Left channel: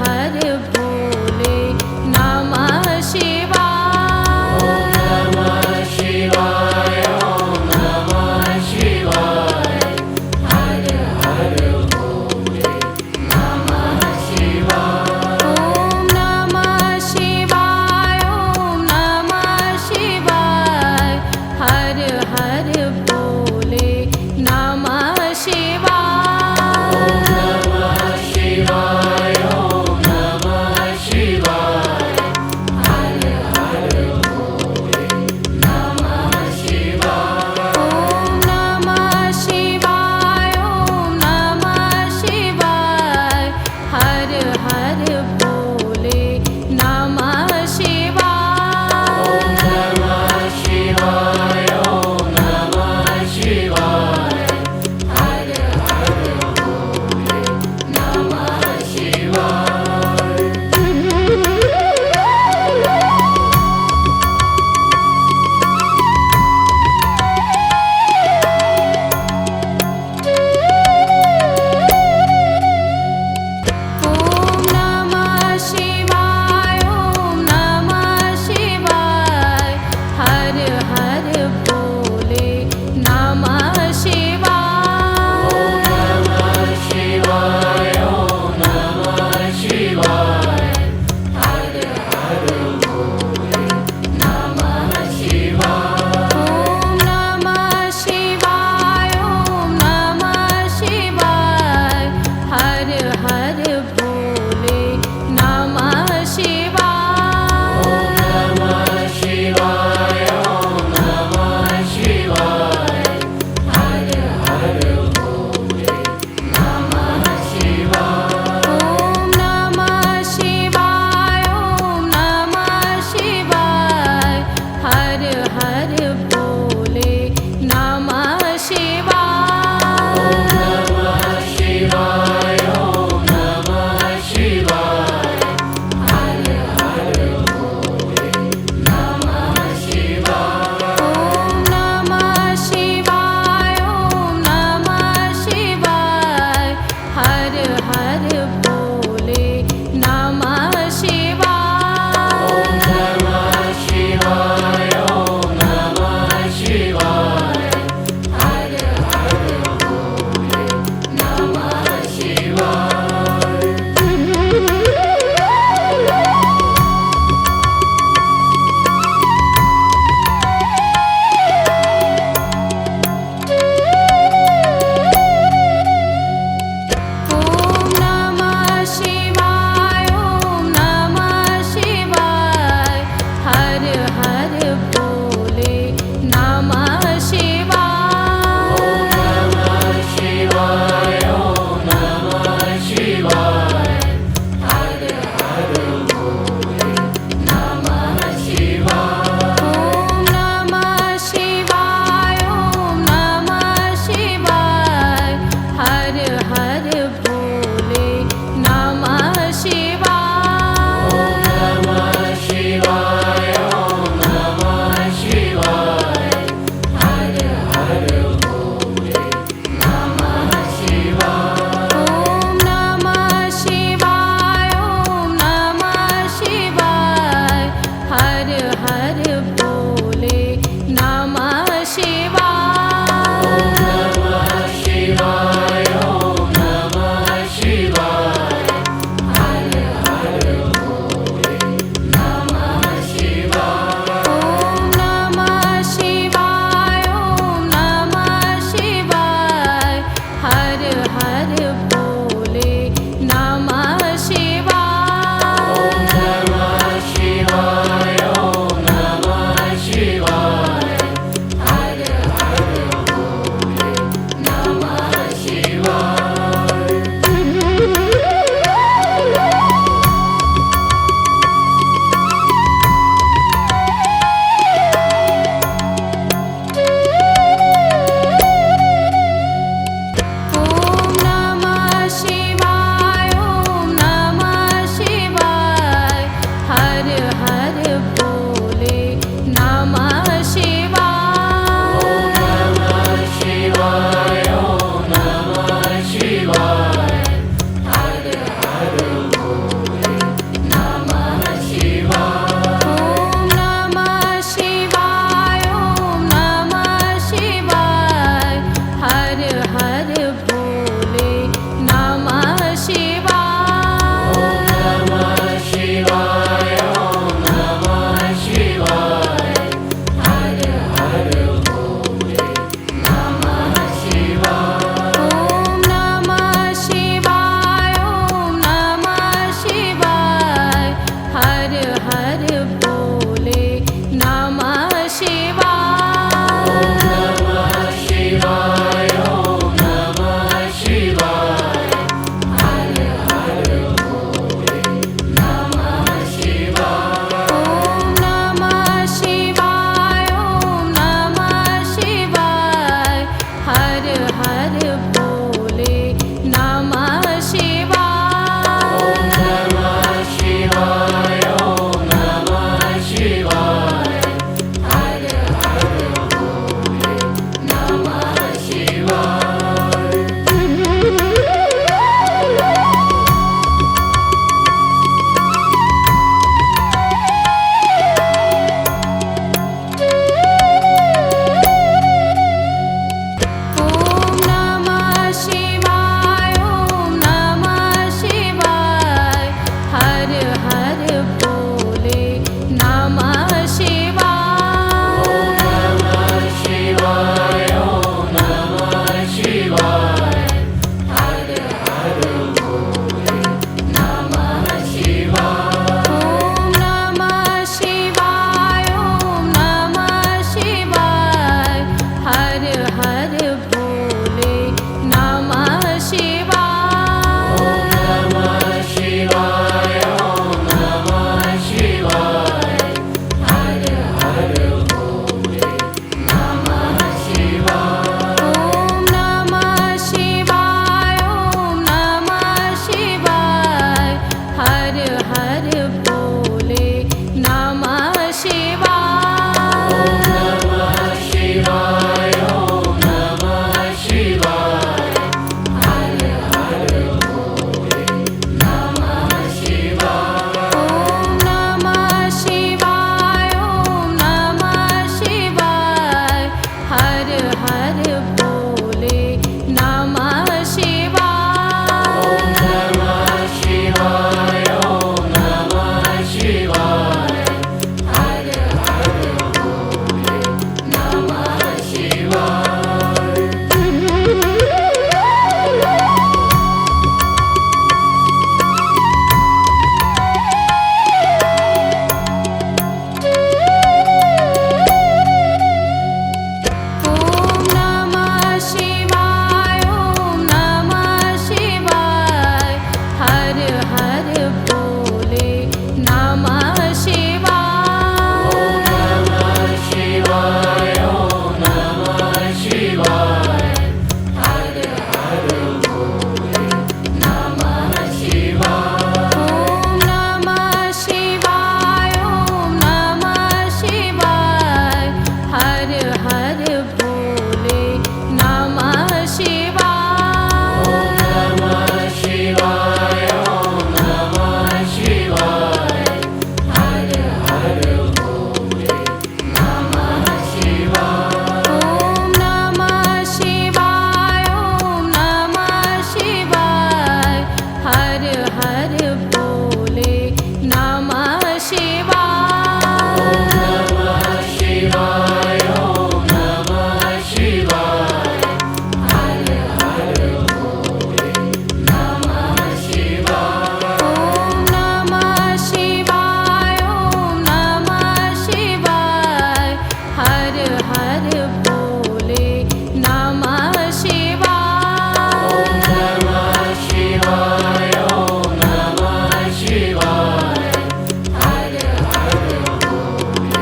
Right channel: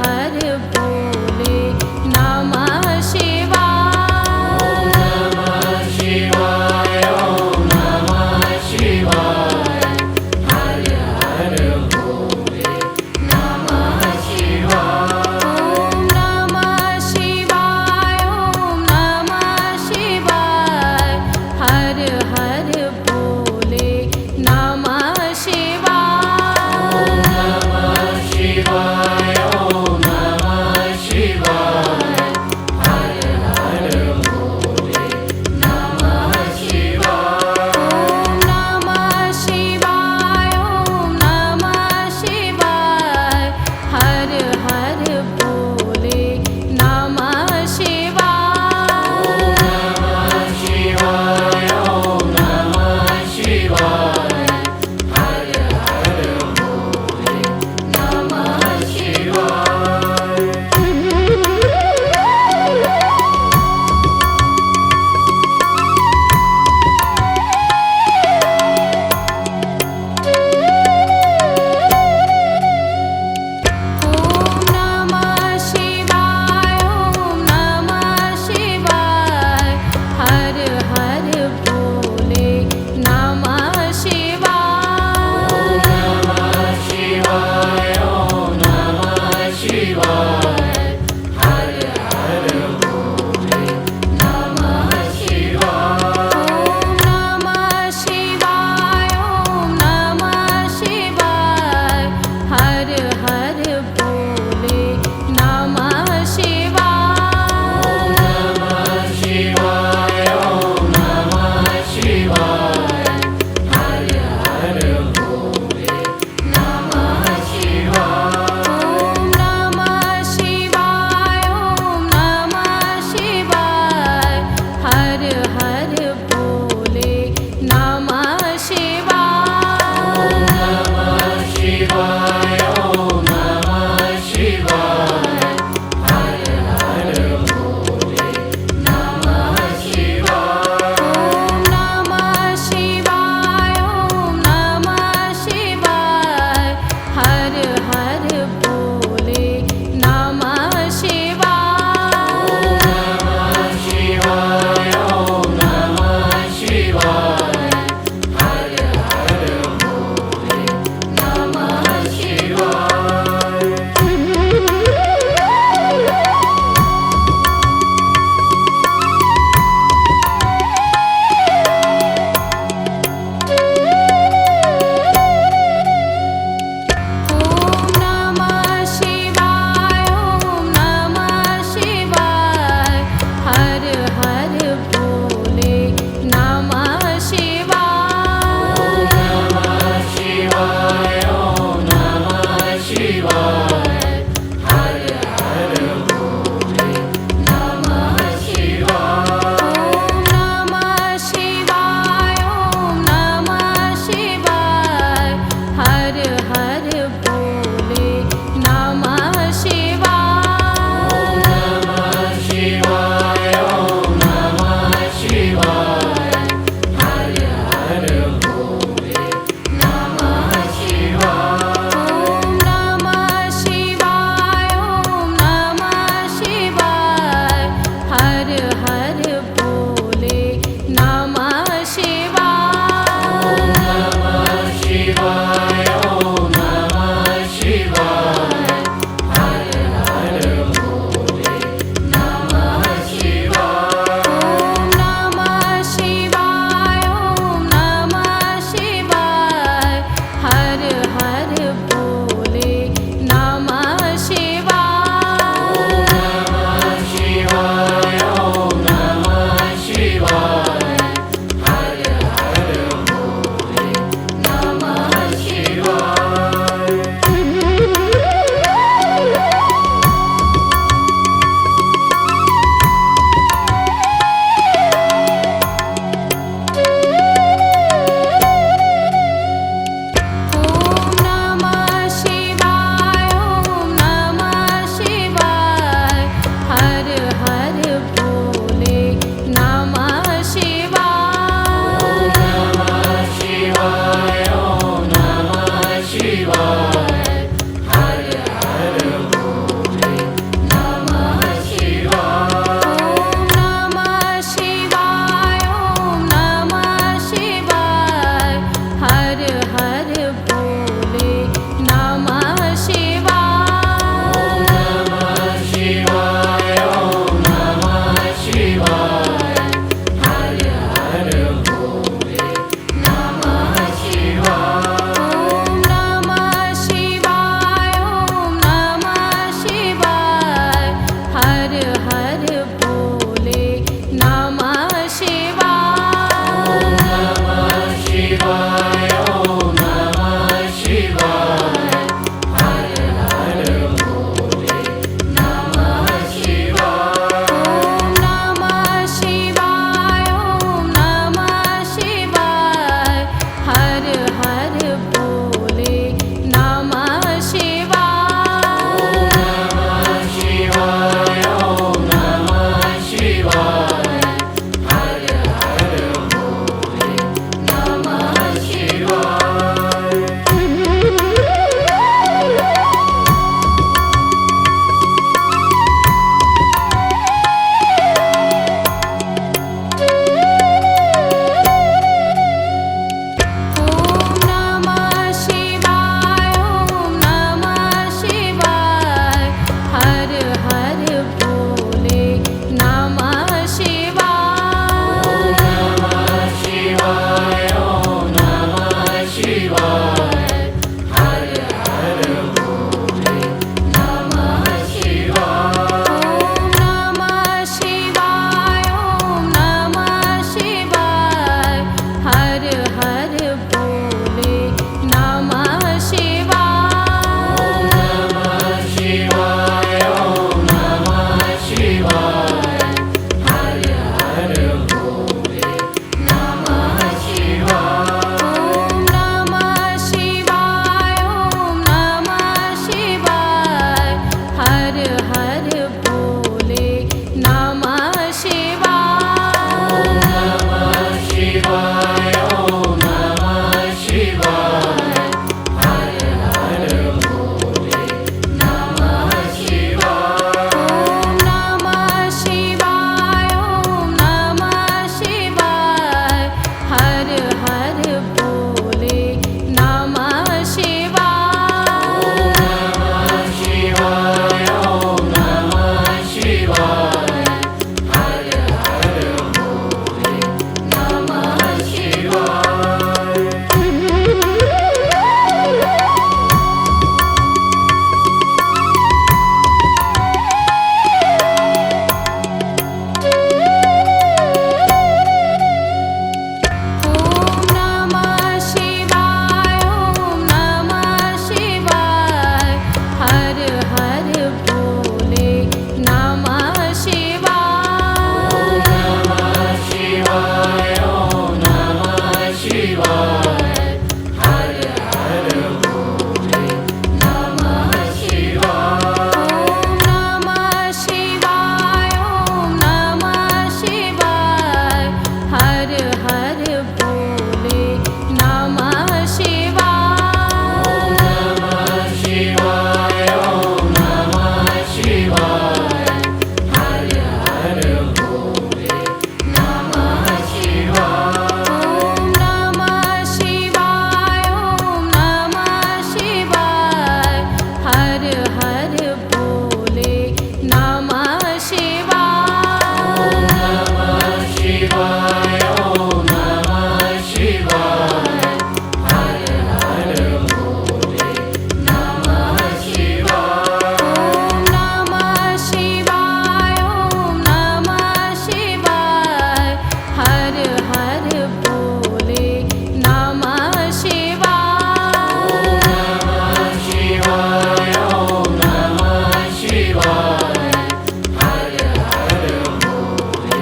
हर भोले नमः शिवाय। ओम नमः शिवाय, हर हर भोले नमः शिवाय। ओम नमः शिवाय, ओम नमः शिवाय, हर हर भोले नमः शिवाय। नमः शिवाय, ओम नमः शिवाय, हर हर भोले नमः शिवाय। ओम नमः शिवाय, ओम नमः शिवाय, हर हर भोले नमः शिवाय। नमः शिवाय, ओम नमः शिवाय, हर हर भोले नमः शिवाय। ओम नमः शिवाय, ओम नमः शिवाय, हर हर भोले नमः शिवाय। नमः शिवाय, ओम नमः शिवाय, हर हर भोले नमः शिवाय। ओम नमः शिवाय, ओम नमः शिवाय, हर हर भोले नमः शिवाय। नमः शिवाय, ओम नमः शिवाय, हर हर भोले नमः शिवाय। ओम नमः शिवाय, ओम नमः शिवाय, हर हर भोले नमः शिवाय। नमः शिवाय, ओम नमः शिवाय, हर हर भोले नमः शिवाय। ओम नमः शिवाय, ओम नमः शिवाय, हर हर भोले नमः शिवाय। नमः शिवाय, ओम नमः शिवाय, हर हर भोले नमः शिवाय। ओम नमः शिवाय, ओम नमः शिवाय, हर हर भोले नमः शिवाय। नमः शिवाय, ओम नमः शिवाय, हर हर भोले नमः शिवाय। ओम नमः शिवाय, ओम नमः शिवाय, हर हर भोले नमः शिवाय। नमः शिवाय, ओम नमः शिवाय, हर हर भोले नमः शिवाय। ओम नमः शिवाय, ओम नमः शिवाय, हर हर भोले नमः शिवाय। नमः शिवाय, ओम नमः शिवाय, हर हर नमः शिवाय नमः शिवाय ॐ नमः शिवाय हर हर भोले नमः शिवाय ॐ नमः शिवाय ॐ नमः शिवाय हर हर भोले नमः शिवाय नमः शिवाय ॐ नमः शिवाय हर हर भोले नमः शिवाय ॐ नमः शिवाय ॐ नमः शिवाय हर हर भोले नमः शिवाय नमः शिवाय ॐ नमः शिवाय हर हर भोले नमः शिवाय ॐ नमः शिवाय ॐ नमः शिवाय हर हर भोले नमः शिवाय नमः शिवाय ॐ नमः शिवाय हर हर भोले नमः शिवाय ॐ नमः शिवाय ॐ नमः शिवाय हर हर भोले नमः शिवाय नमः शिवाय ॐ नमः शिवाय हर हर भोले नमः शिवाय ॐ नमः शिवाय ॐ नमः शिवाय हर हर भोले नमः शिवाय नमः शिवाय ॐ नमः शिवाय हर हर भोले नमः शिवाय ॐ नमः शिवाय ॐ नमः शिवाय हर हर भोले नमः शिवाय नमः शिवाय ॐ नमः शिवाय हर हर भोले नमः शिवाय ॐ नमः शिवाय ॐ नमः शिवाय हर हर भोले नमः शिवाय नमः शिवाय ॐ नमः शिवाय हर हर भोले नमः शिवाय ॐ नमः शिवाय ॐ नमः शिवाय हर हर भोले नमः शिवाय नमः शिवाय ॐ नमः शिवाय हर हर भोले नमः शिवाय ॐ नमः शिवाय ॐ नमः शिवाय हर हर भोले नमः शिवाय नमः शिवाय ॐ नमः शिवाय हर हर भोले नमः शिवाय ॐ नमः शिवाय ॐ नमः शिवाय हर हर भोले नमः शिवाय नमः शिवाय ॐ नमः शिवाय हर हर भोले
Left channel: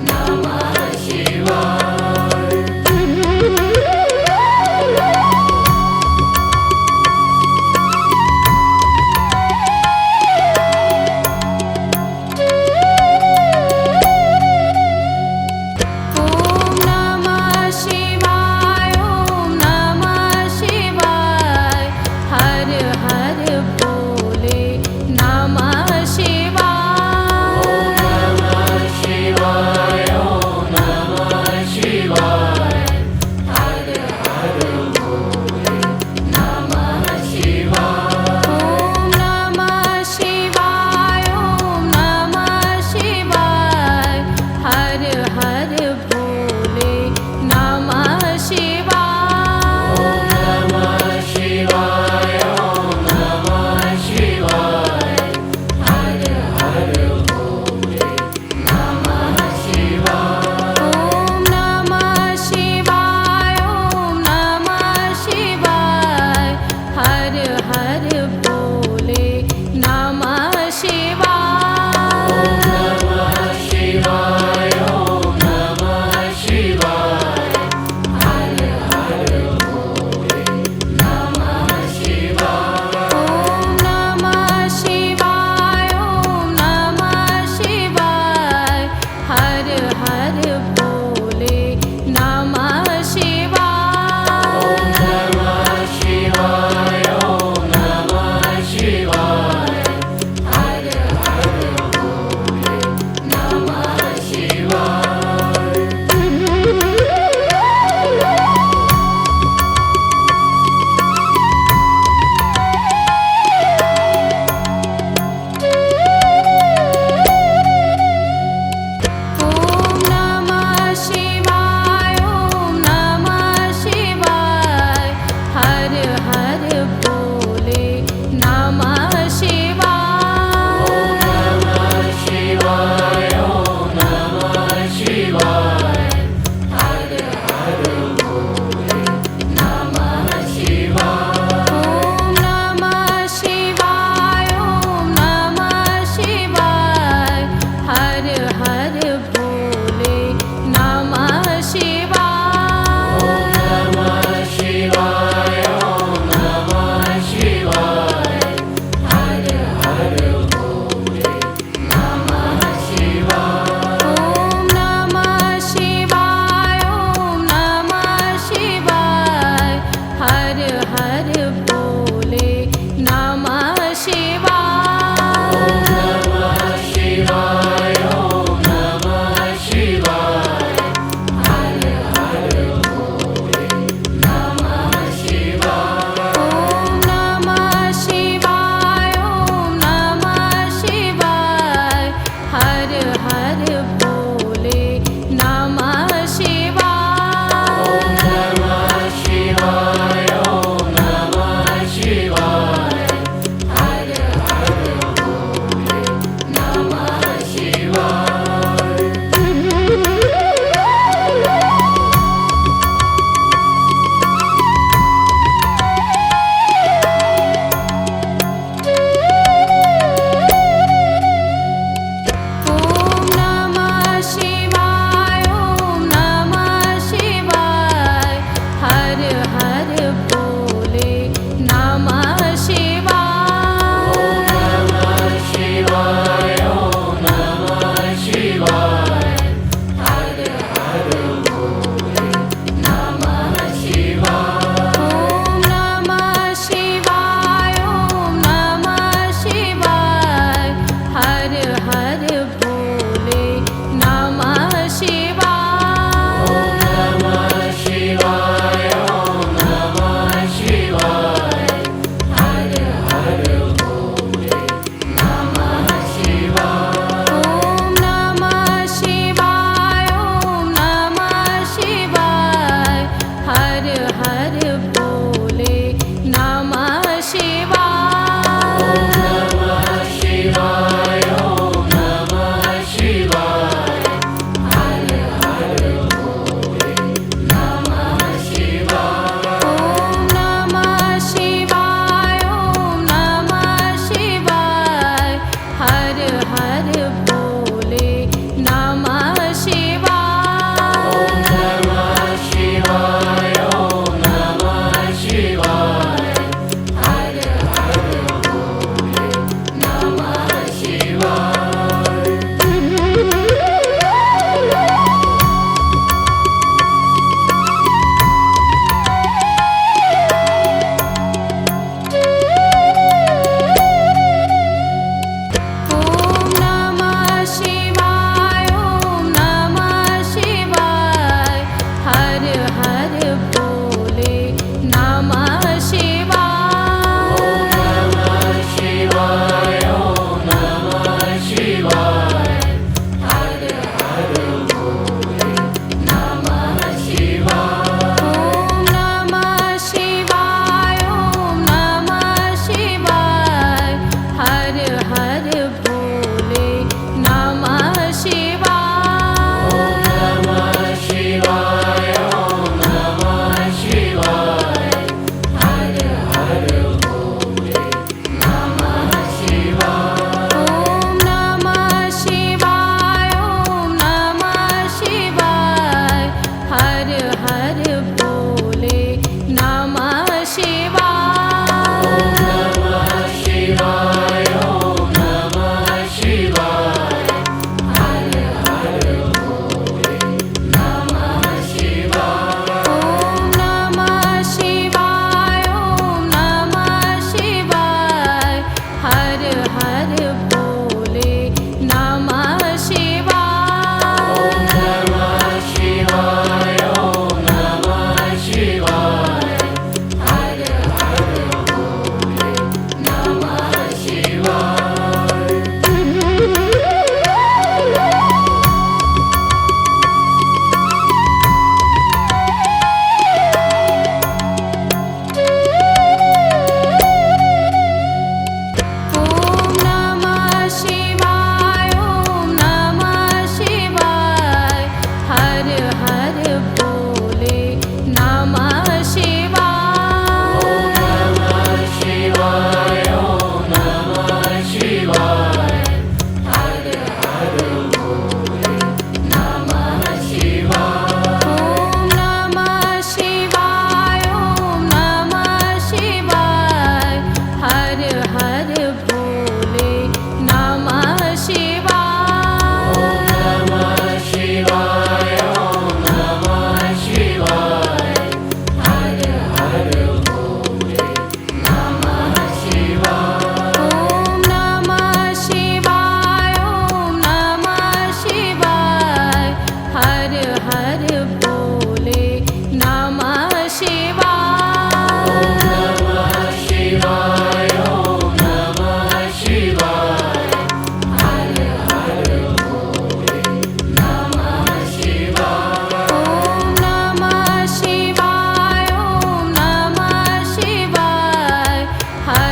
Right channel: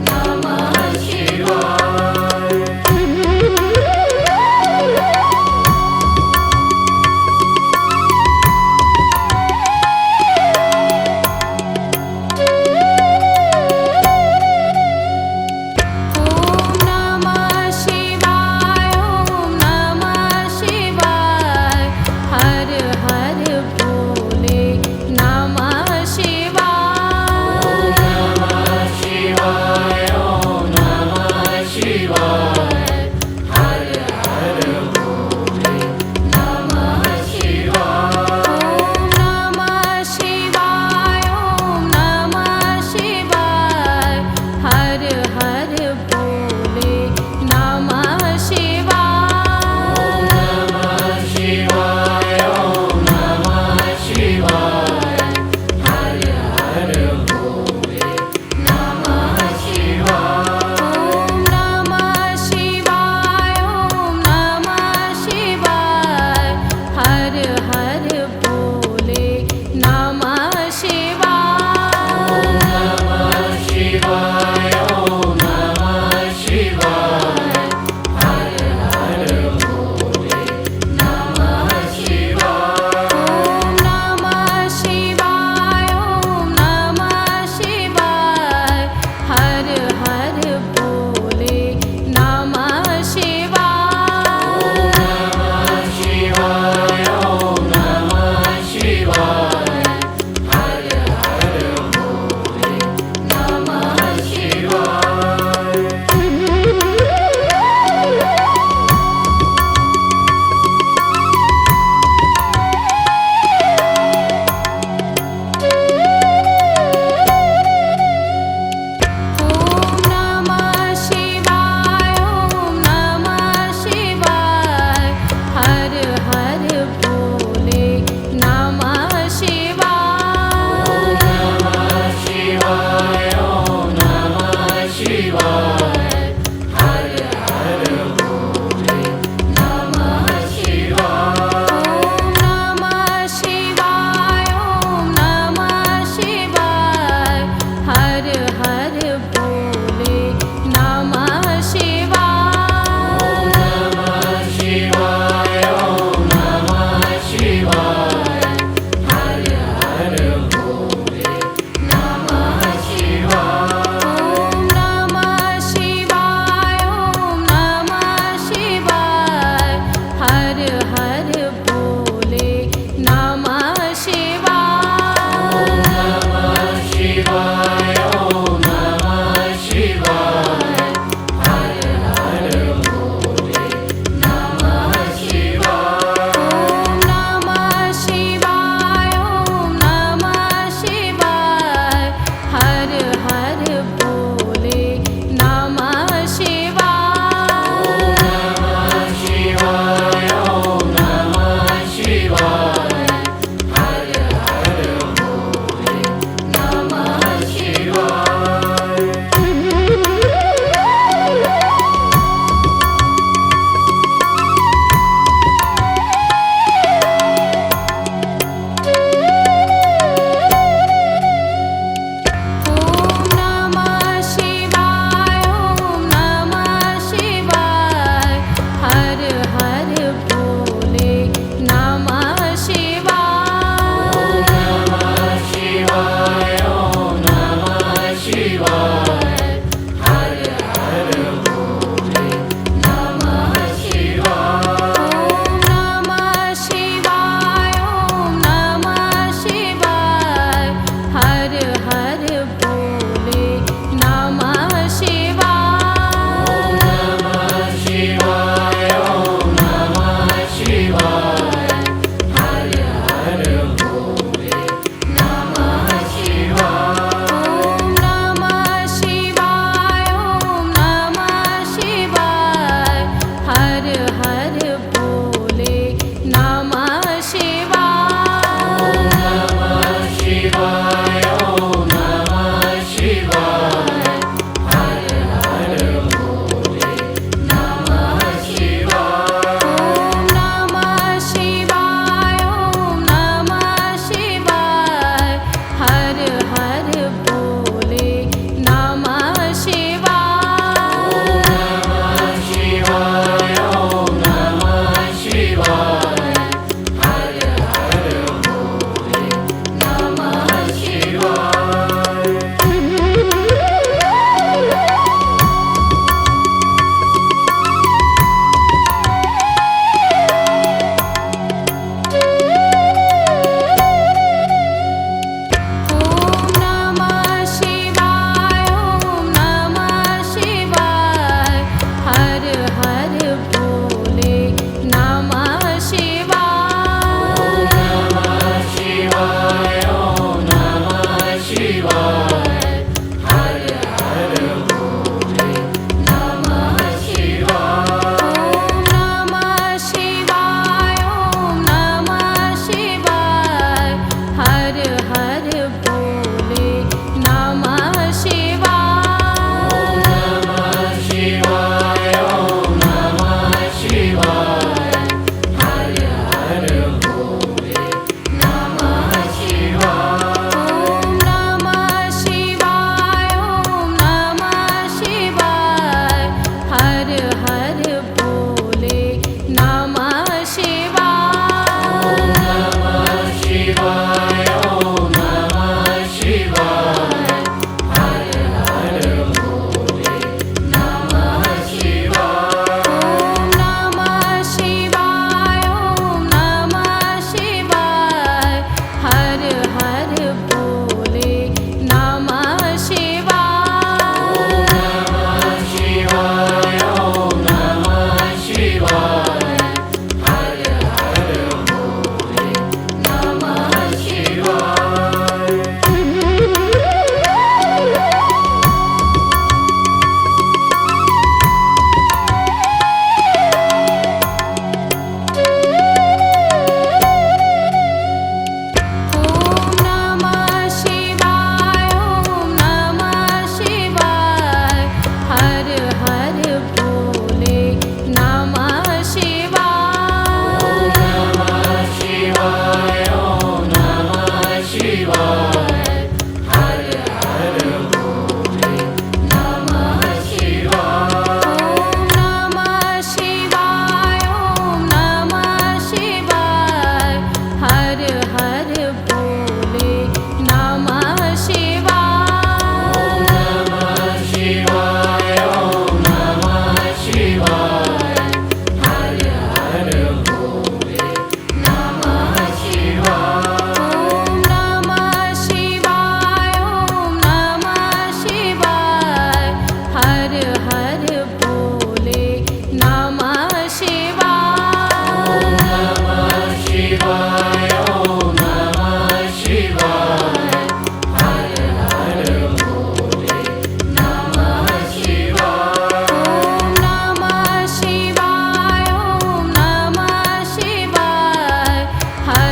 नमः शिवाय ॐ नमः शिवाय ॐ नमः शिवाय हर हर भोले नमः शिवाय नमः शिवाय ॐ नमः शिवाय हर हर भोले नमः शिवाय हर हर भोले नमः शिवाय नमः शिवाय ओम नमः शिवाय हर हर भोले नमः शिवाय ओम नमः शिवाय ओम नमः शिवाय हर हर भोले नमः शिवाय नमः शिवाय ओम नमः शिवाय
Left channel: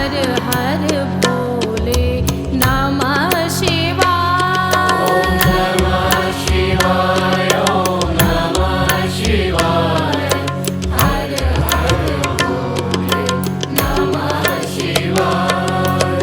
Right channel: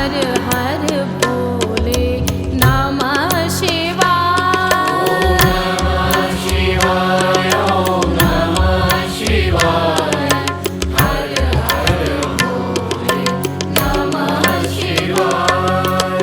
हर हर भोले नमः शिवाय। नमः शिवाय ओम नमः शिवाय हर हर भोले नमः शिवाय।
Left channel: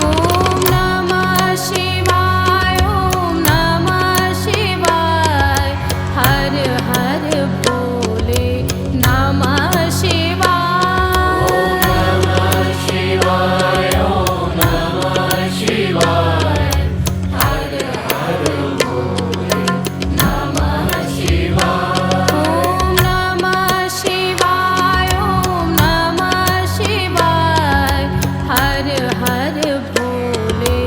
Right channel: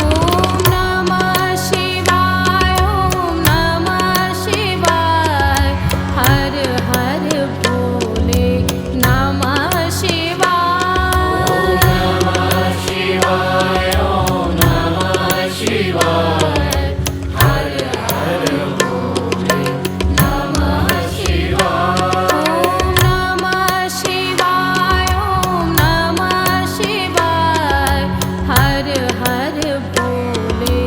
ओम नमः शिवाय ओम नमः शिवाय हर हर भोले नमः शिवाय। नमः शिवाय ओम नमः शिवाय हर हर भोले नमः शिवाय। ओम नमः शिवाय ओम नमः शिवाय हर हर भोले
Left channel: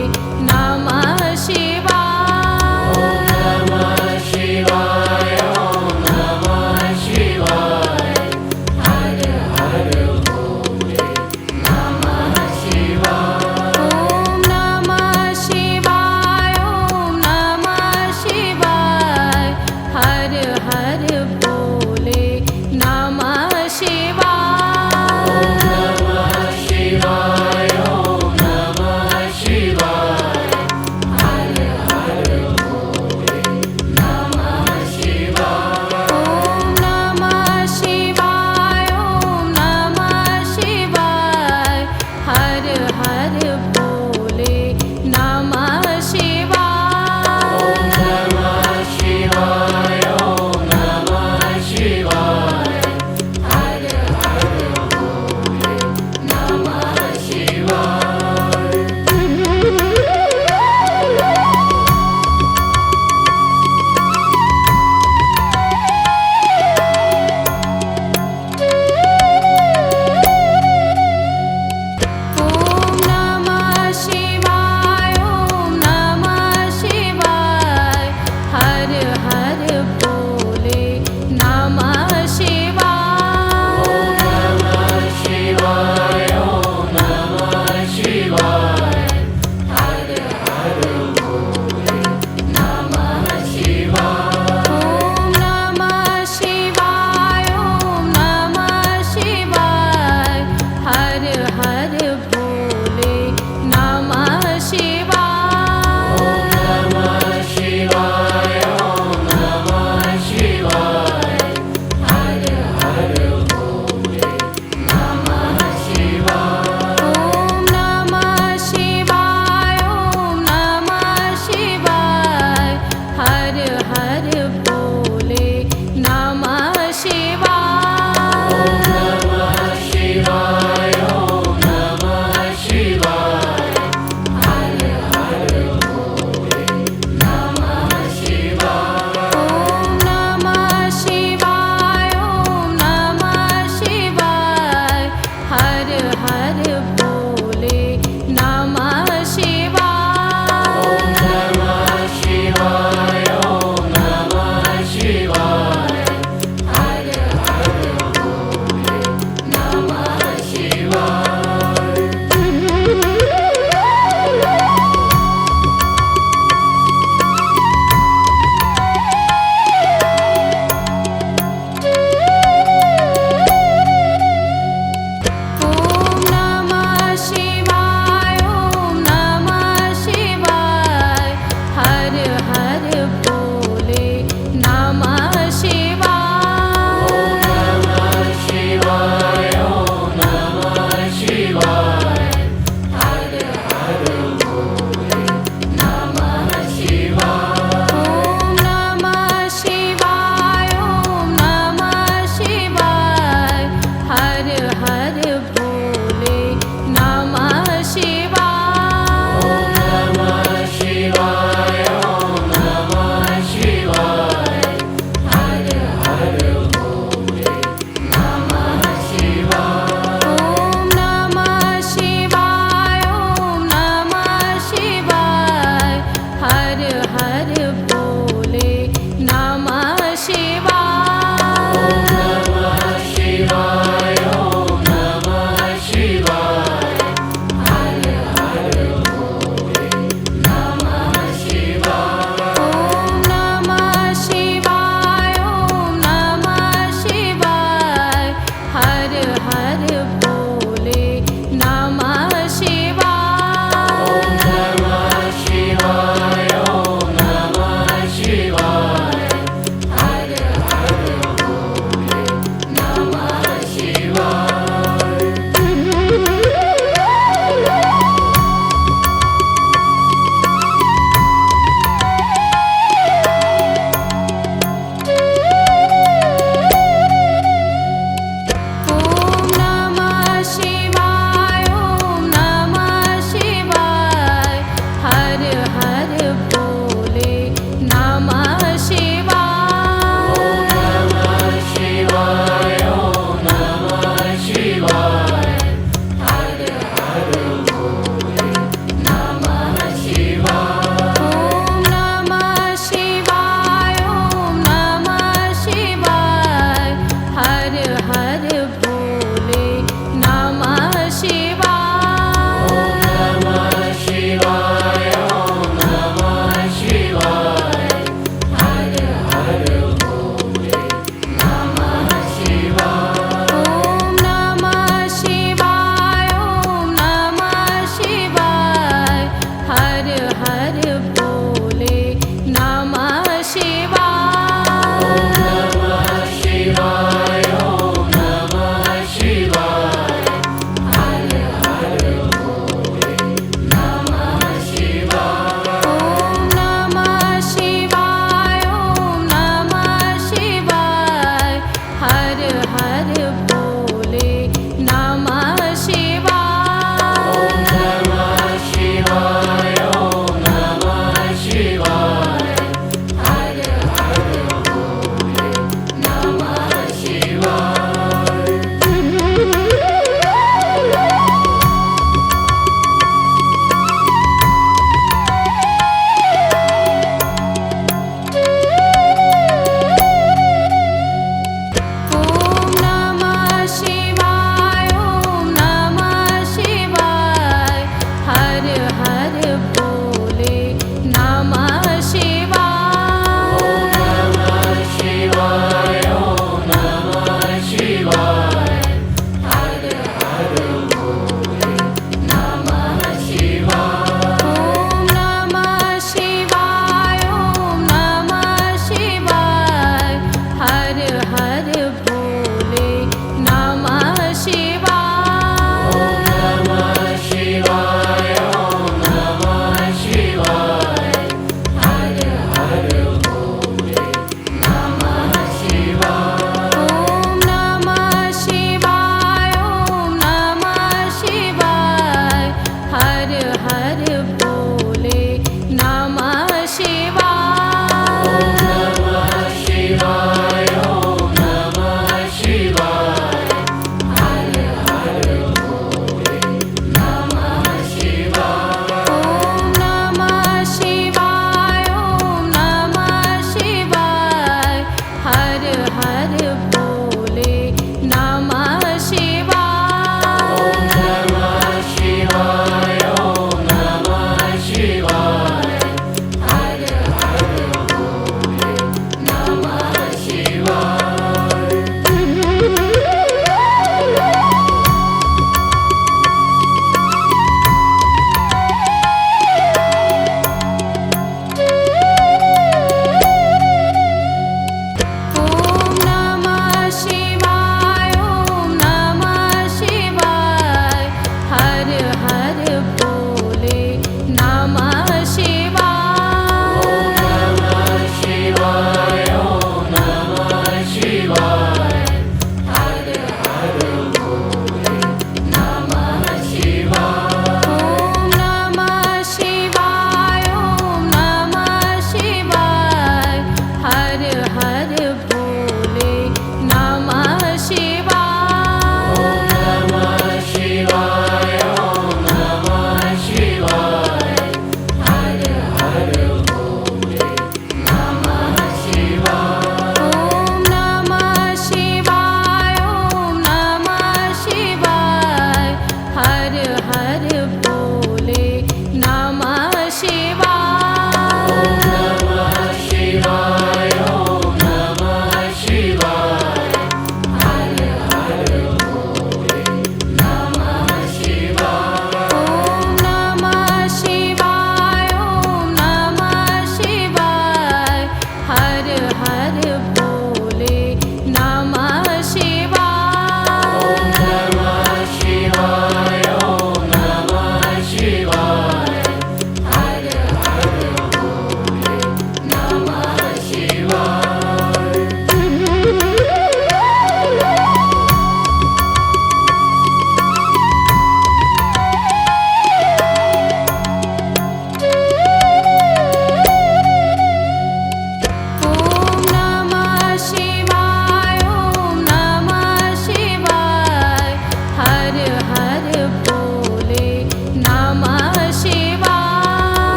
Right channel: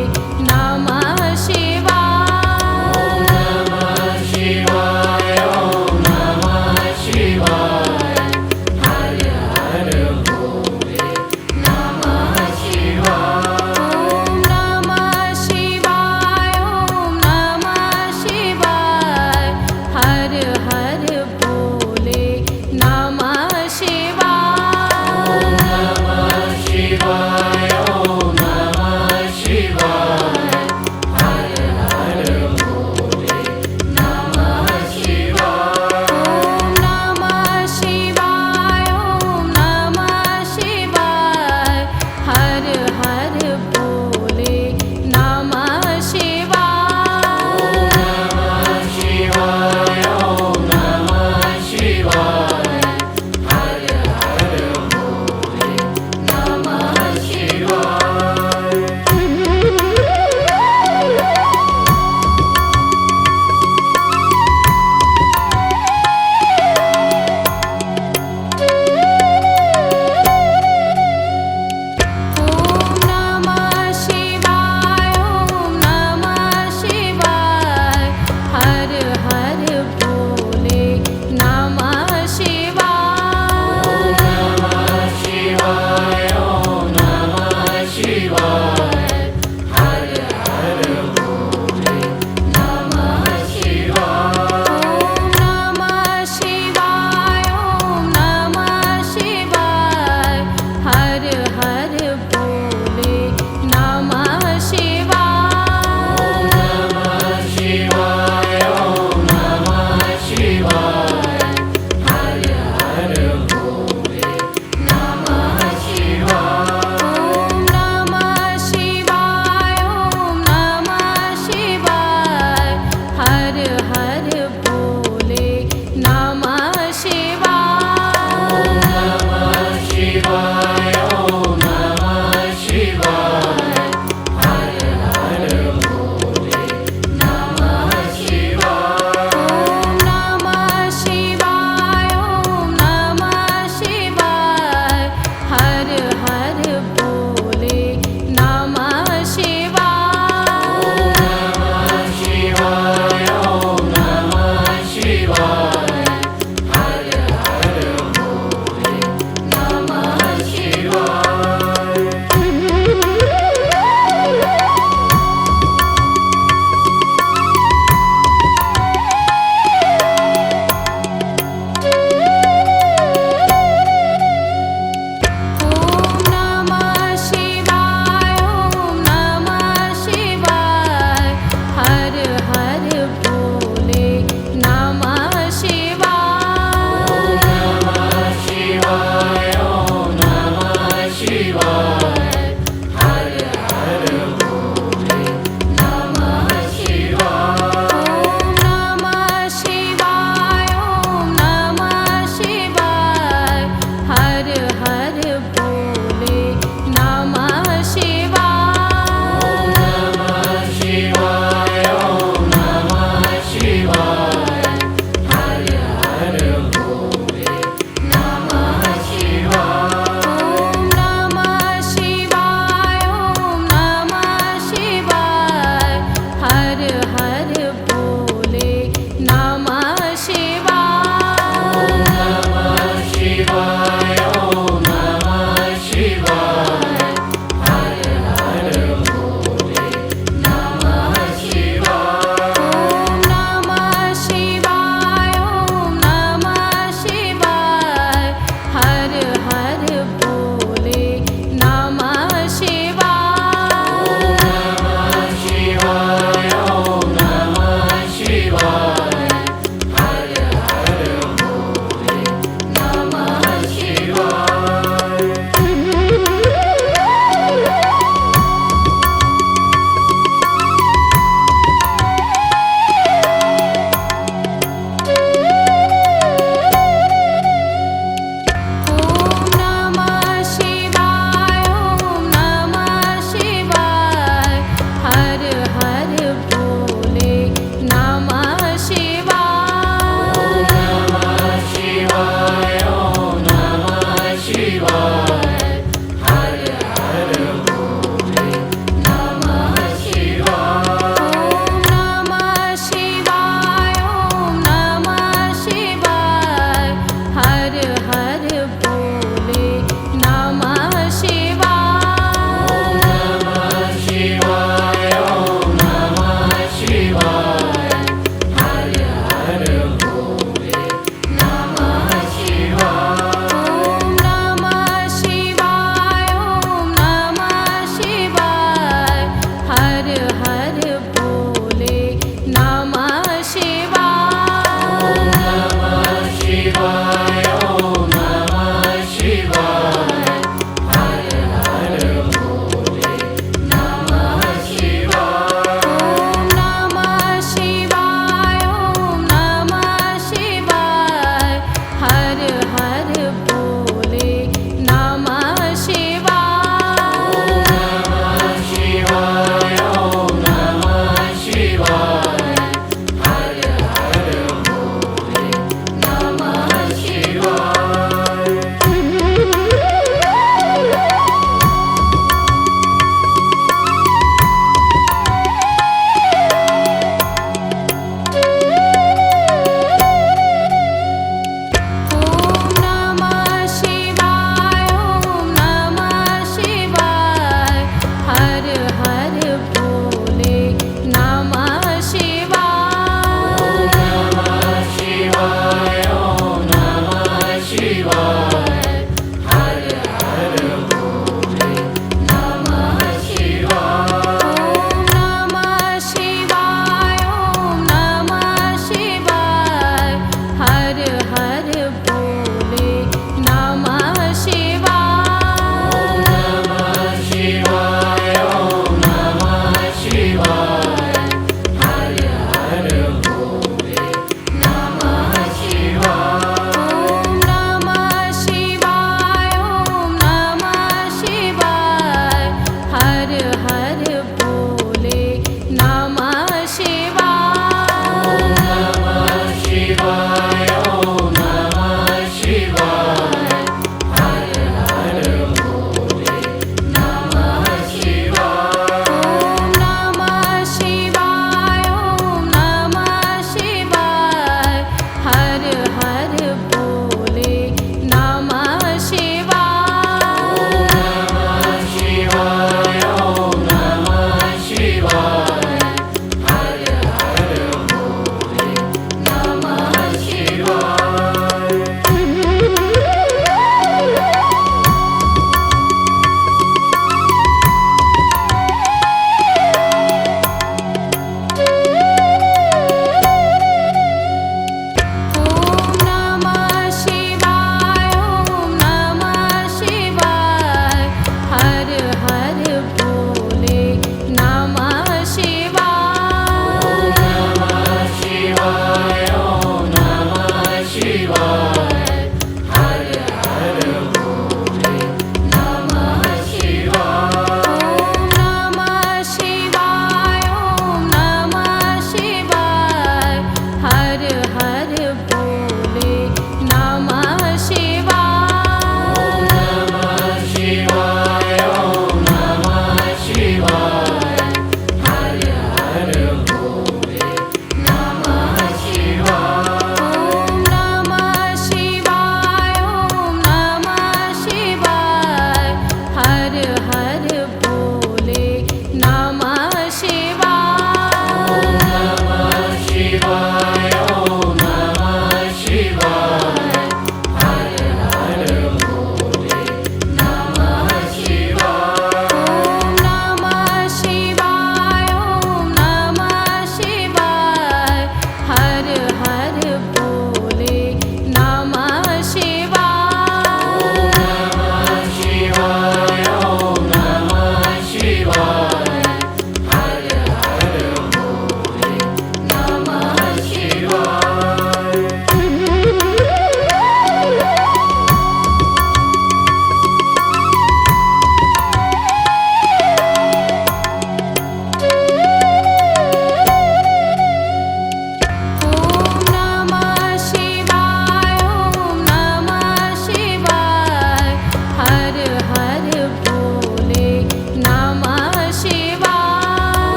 नमः शिवाय। नमः शिवाय ओम नमः शिवाय हर हर भोले नमः शिवाय। ओम नमः शिवाय ओम नमः शिवाय हर हर भोले नमः शिवाय। नमः शिवाय ओम नमः शिवाय हर हर भोले नमः शिवाय। ओम नमः शिवाय ओम नमः शिवाय हर हर भोले नमः शिवाय। नमः शिवाय ओम नमः शिवाय हर हर भोले नमः शिवाय। ओम नमः शिवाय ओम नमः शिवाय हर हर भोले नमः शिवाय। नमः शिवाय ओम नमः शिवाय हर हर भोले नमः शिवाय। ओम नमः शिवाय ओम नमः शिवाय हर हर भोले नमः शिवाय। नमः शिवाय ओम नमः शिवाय हर हर भोले नमः शिवाय। ओम नमः शिवाय ओम नमः शिवाय हर हर भोले नमः शिवाय। नमः शिवाय ओम नमः शिवाय हर हर भोले नमः शिवाय। ओम नमः शिवाय ओम नमः शिवाय हर हर भोले नमः शिवाय। नमः शिवाय ओम नमः शिवाय हर हर भोले नमः शिवाय। ओम नमः शिवाय ओम नमः शिवाय हर हर भोले नमः शिवाय। नमः शिवाय ओम नमः शिवाय हर हर भोले नमः शिवाय। ओम नमः शिवाय ओम नमः शिवाय हर हर भोले नमः शिवाय। नमः शिवाय ओम नमः शिवाय हर हर भोले नमः शिवाय। ओम नमः शिवाय ओम नमः शिवाय हर हर भोले नमः शिवाय। नमः शिवाय ओम नमः शिवाय हर हर भोले हर हर भोले नमः शिवाय। नमः शिवाय ओम नमः शिवाय हर हर भोले नमः शिवाय। ओम नमः शिवाय ओम नमः शिवाय हर हर भोले नमः शिवाय। नमः शिवाय ओम नमः शिवाय हर हर भोले नमः शिवाय। ओम नमः शिवाय ओम नमः शिवाय हर हर भोले नमः शिवाय। नमः शिवाय ओम नमः शिवाय हर हर भोले नमः शिवाय। ओम नमः शिवाय ओम नमः शिवाय हर हर भोले नमः शिवाय। नमः शिवाय ओम नमः शिवाय हर हर भोले नमः शिवाय। ओम नमः शिवाय ओम नमः शिवाय हर हर भोले नमः शिवाय। नमः शिवाय ओम नमः शिवाय हर हर भोले नमः शिवाय। ओम नमः शिवाय ओम नमः शिवाय हर हर भोले नमः शिवाय। नमः शिवाय ओम नमः शिवाय हर हर भोले नमः शिवाय। ओम नमः शिवाय ओम नमः शिवाय हर हर भोले नमः शिवाय। नमः शिवाय ओम नमः शिवाय हर हर भोले नमः शिवाय। ओम नमः शिवाय ओम नमः शिवाय हर हर भोले नमः शिवाय। नमः शिवाय ओम नमः शिवाय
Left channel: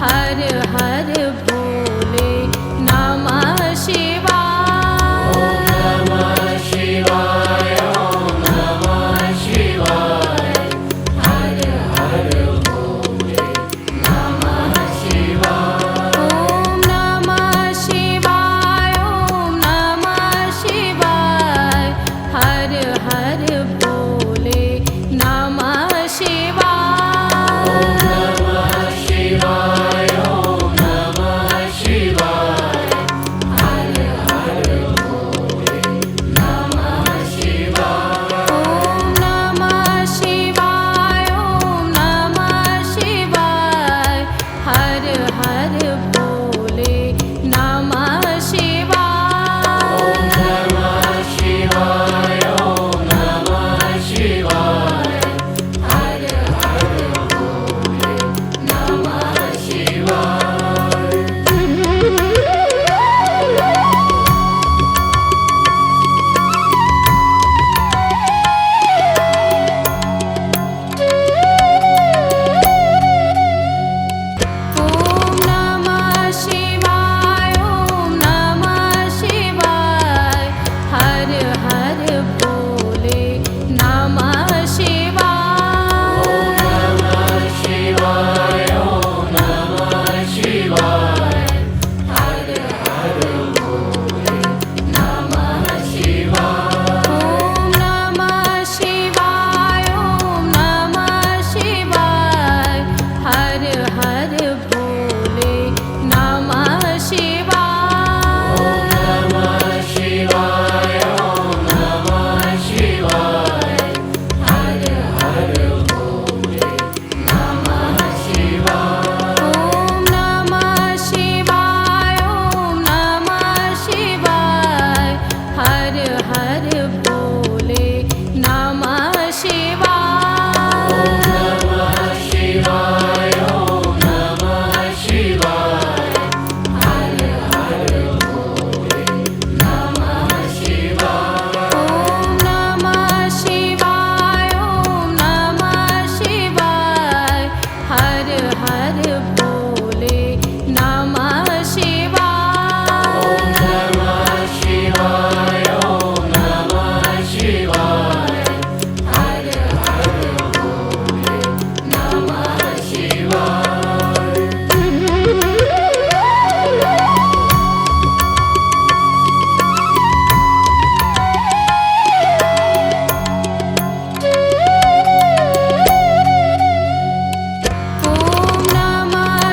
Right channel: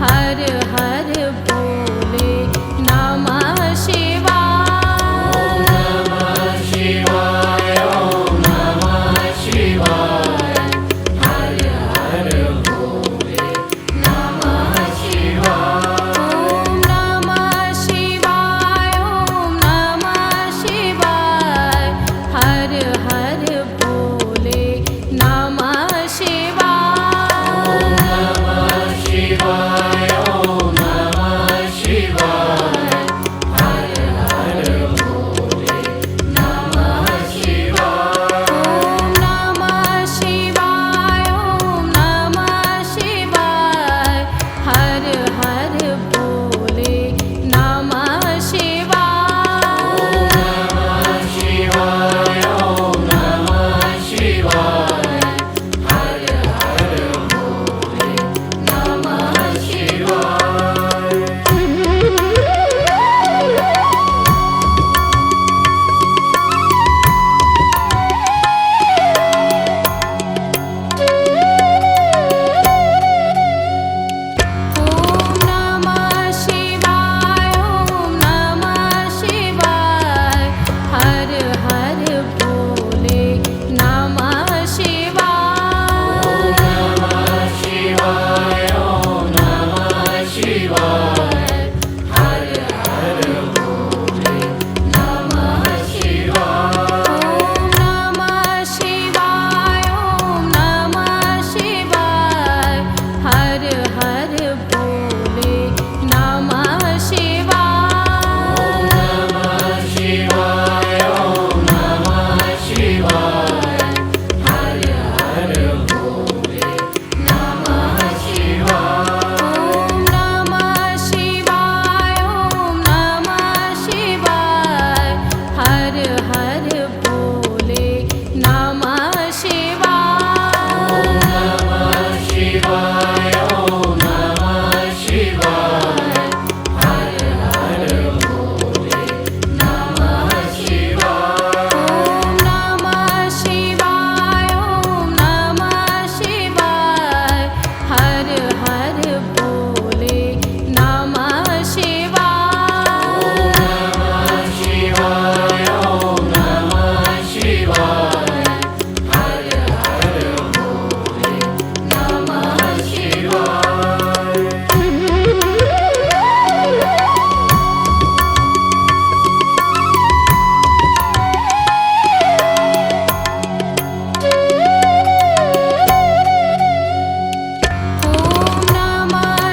हर हर भोले नमः शिवाय। नमः शिवाय ओम नमः शिवाय हर हर भोले नमः शिवाय। ओम नमः शिवाय ओम नमः शिवाय हर हर भोले नमः शिवाय। नमः शिवाय ओम नमः शिवाय हर हर भोले नमः शिवाय। ओम नमः शिवाय ओम नमः शिवाय हर हर भोले नमः शिवाय। नमः शिवाय ओम नमः शिवाय हर हर भोले नमः शिवाय। ओम नमः शिवाय ओम नमः शिवाय हर हर भोले नमः शिवाय। नमः शिवाय ओम नमः शिवाय हर हर भोले नमः शिवाय। ओम नमः शिवाय ओम नमः शिवाय हर हर भोले नमः शिवाय। नमः शिवाय ओम नमः शिवाय हर हर भोले नमः शिवाय। ओम नमः शिवाय ओम नमः शिवाय हर हर भोले नमः शिवाय। नमः शिवाय ओम नमः शिवाय हर हर भोले नमः शिवाय। ओम नमः शिवाय ओम नमः शिवाय हर हर भोले नमः शिवाय। नमः शिवाय ओम नमः शिवाय हर हर भोले नमः शिवाय। ओम नमः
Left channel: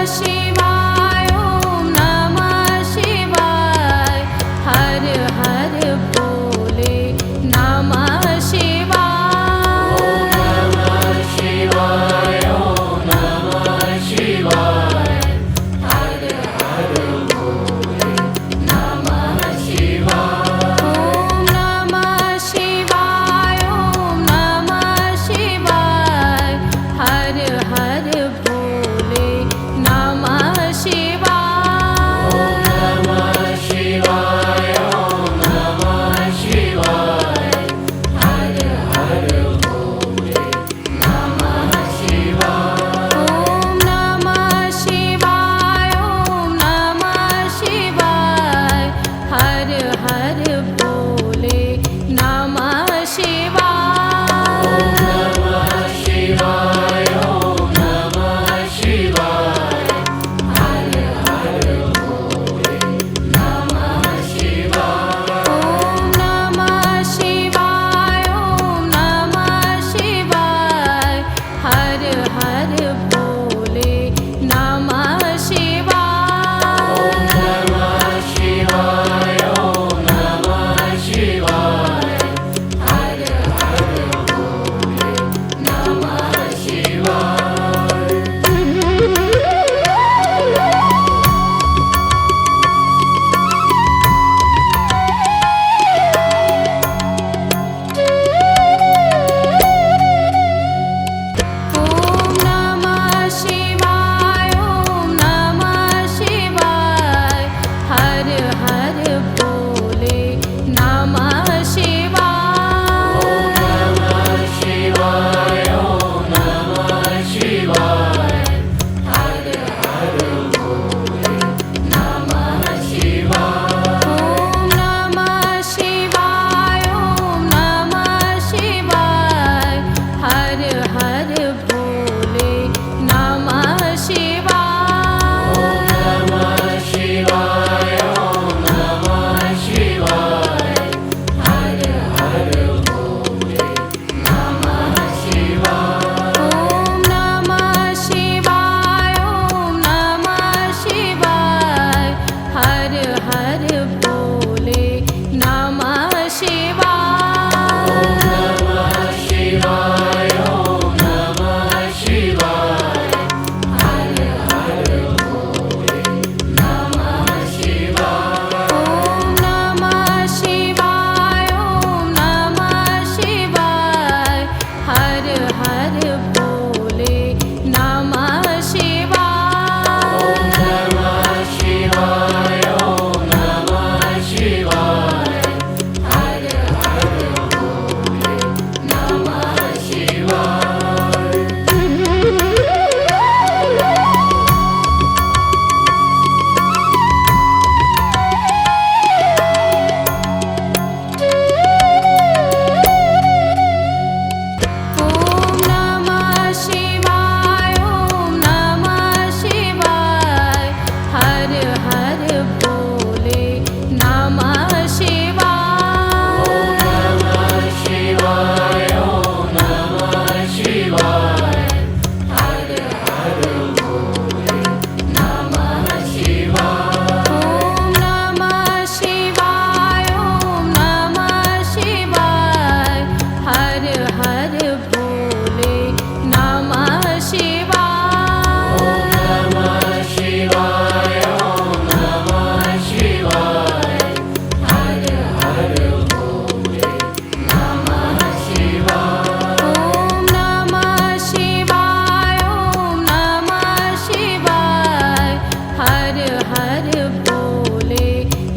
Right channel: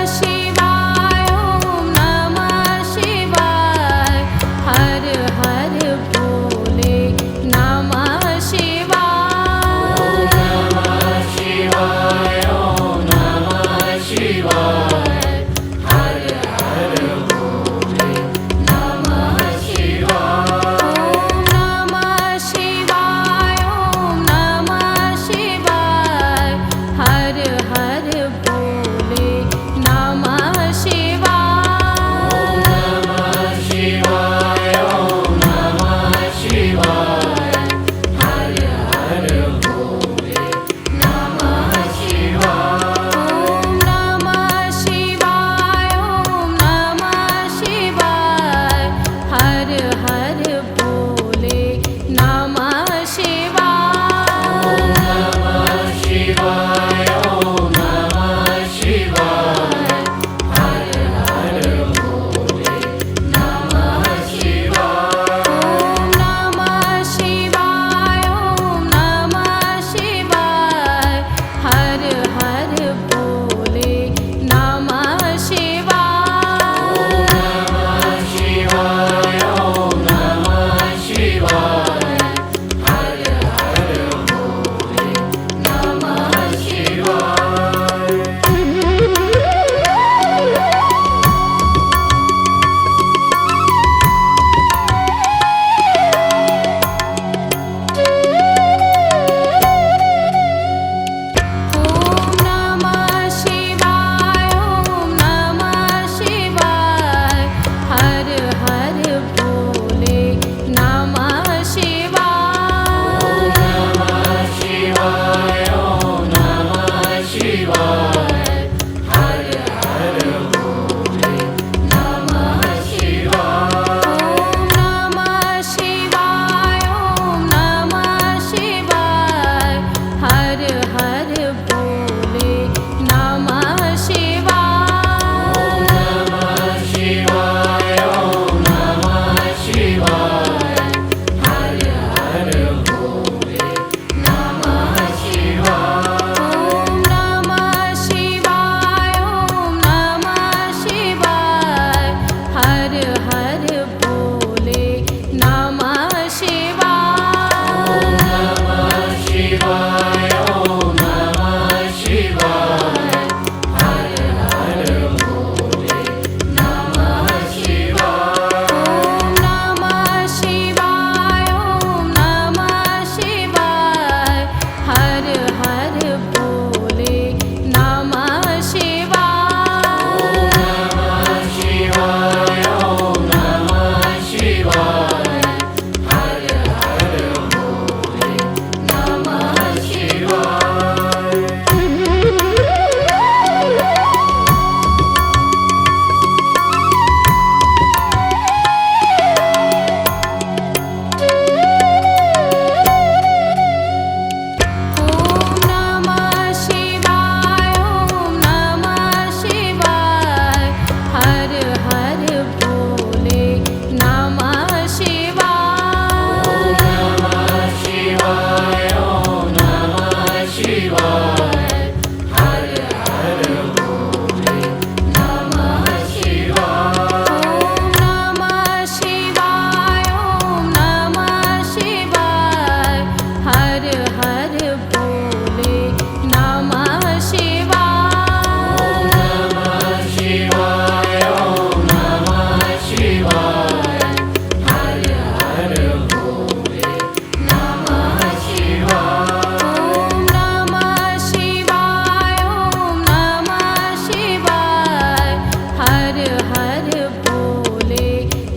हर भोले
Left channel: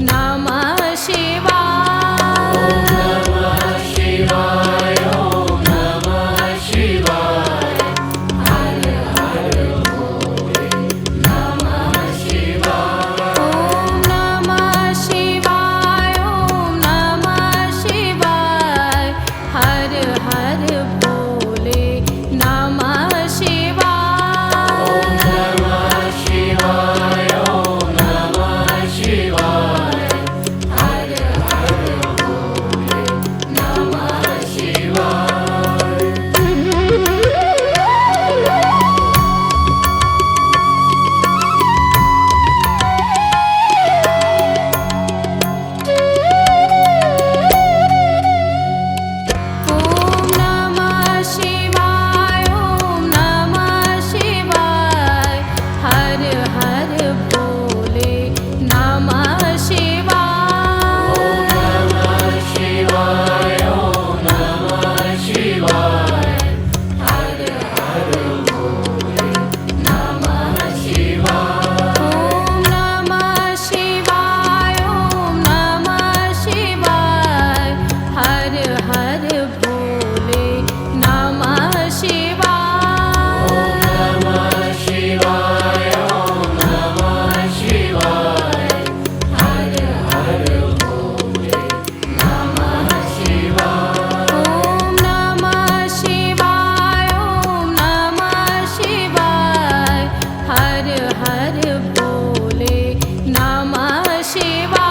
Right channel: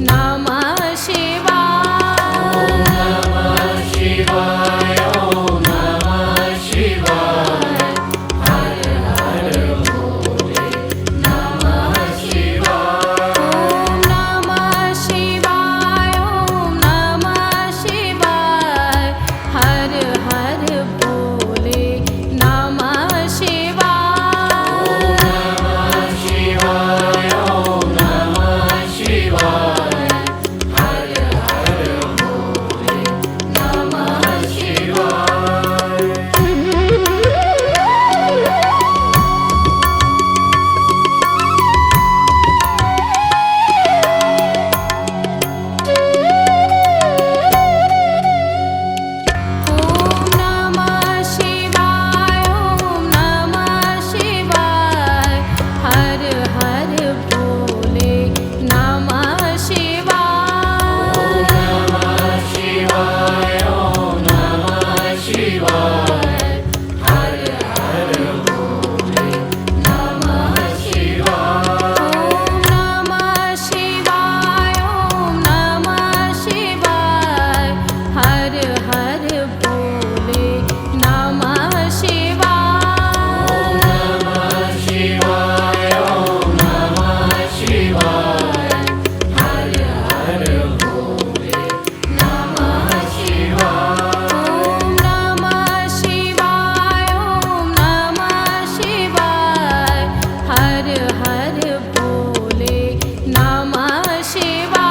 नमः शिवाय। नमः शिवाय ओम नमः शिवाय हर हर भोले नमः शिवाय। ओम नमः शिवाय ओम नमः शिवाय हर हर भोले नमः शिवाय। नमः शिवाय ओम नमः शिवाय हर हर भोले नमः शिवाय। ओम नमः शिवाय ओम नमः शिवाय हर हर भोले नमः शिवाय। नमः शिवाय ओम नमः शिवाय हर हर भोले नमः शिवाय। ओम नमः शिवाय ओम नमः शिवाय हर हर भोले नमः शिवाय। नमः शिवाय ओम नमः शिवाय हर हर भोले नमः शिवाय। ओम नमः शिवाय ओम नमः शिवाय हर हर भोले नमः शिवाय।